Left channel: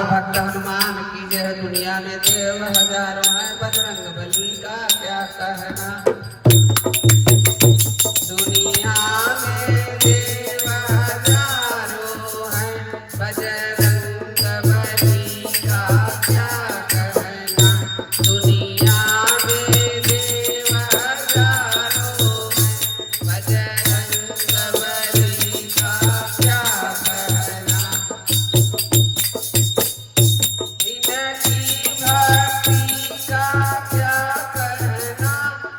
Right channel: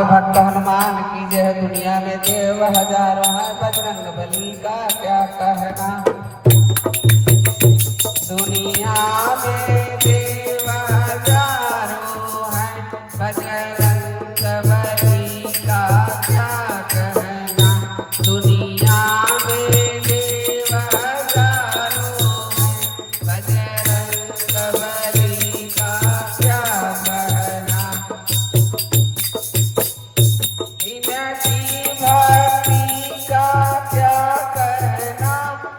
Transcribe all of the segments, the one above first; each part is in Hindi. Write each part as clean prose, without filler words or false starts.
भक्त हनुमान की जय। दुनिया में देव हजारों हैं, बजरंग बली का क्या कहना। दुनिया में देव हजारों हैं, बजरंग बली का क्या कहना। दुनिया में देव हजारों हैं, बजरंग बली का क्या कहना। इनकी भक्ति का क्या कहना,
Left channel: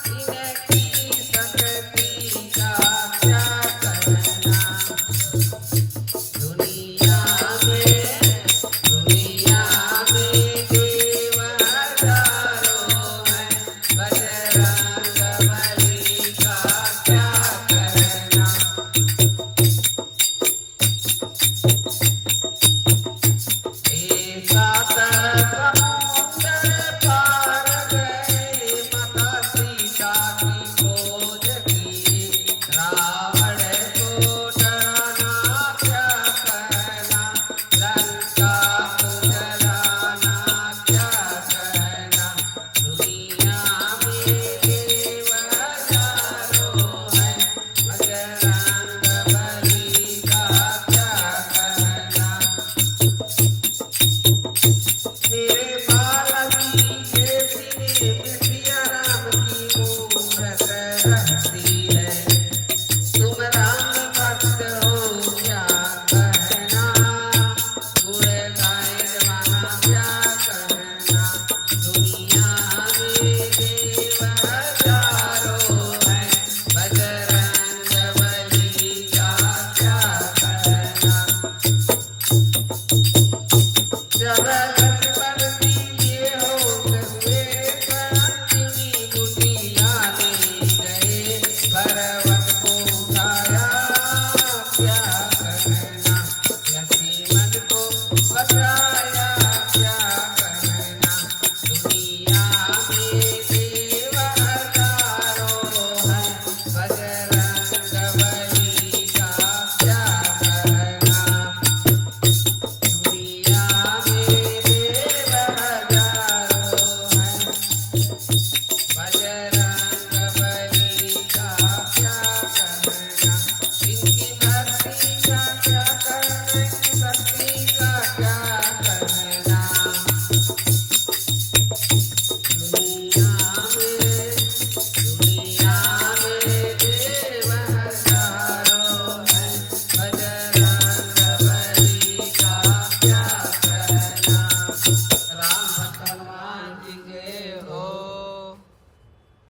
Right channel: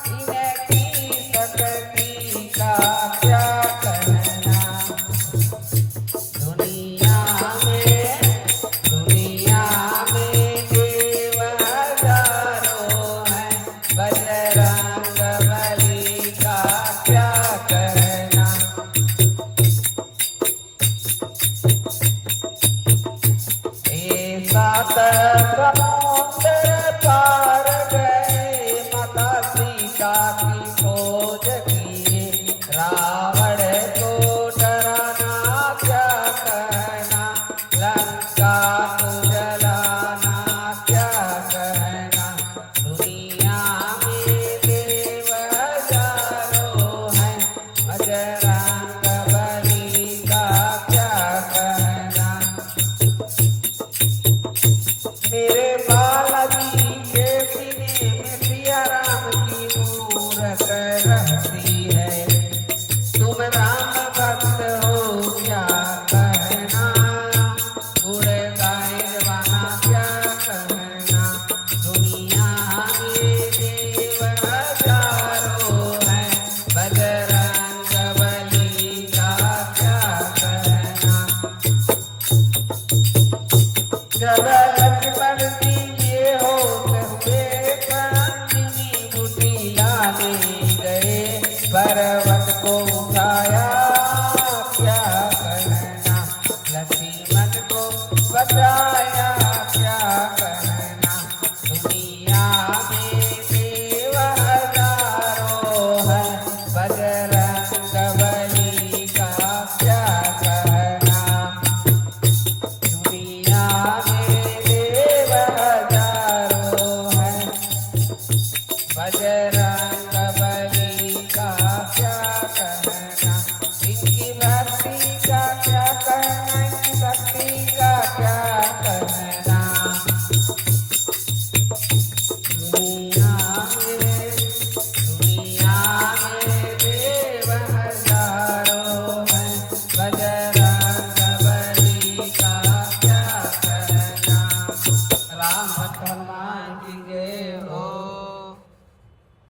इनकी शक्ति का क्या कहना। दुनिया में देव हजारों हैं, बजरंग बली का क्या कहना। सात समुंदर पार गए, माता सीता की खोज की। रावण को डराना क्या कहना, लंका को जलाना क्या कहना। दुनिया में देव हजारों हैं, बजरंग बली का क्या कहना। मेरे बालाजी के सीने में सिया राम की मूरत रहती है। तुम राम भक्त हो क्या कहना, बूढ़े गाय जवाना क्या कहना। दुनिया में देव हजारों हैं, बजरंग बली का क्या कहना। जब करती ये हो सकते कांतिनी कुटिया में गए, पर्वत को उठाया क्या कहना। लक्ष्मण को बचाया क्या कहना। दुनिया में देव हजारों हैं, बजरंग बली का क्या कहना। दुनिया में देव हजारों हैं, बजरंग बली का क्या कहना। इनकी भक्ति का क्या कहना, इनकी भक्ति का क्या कहना। दुनिया में देव हजारों हैं, बजरंग बली का क्या कहना। राम हनुमान जी के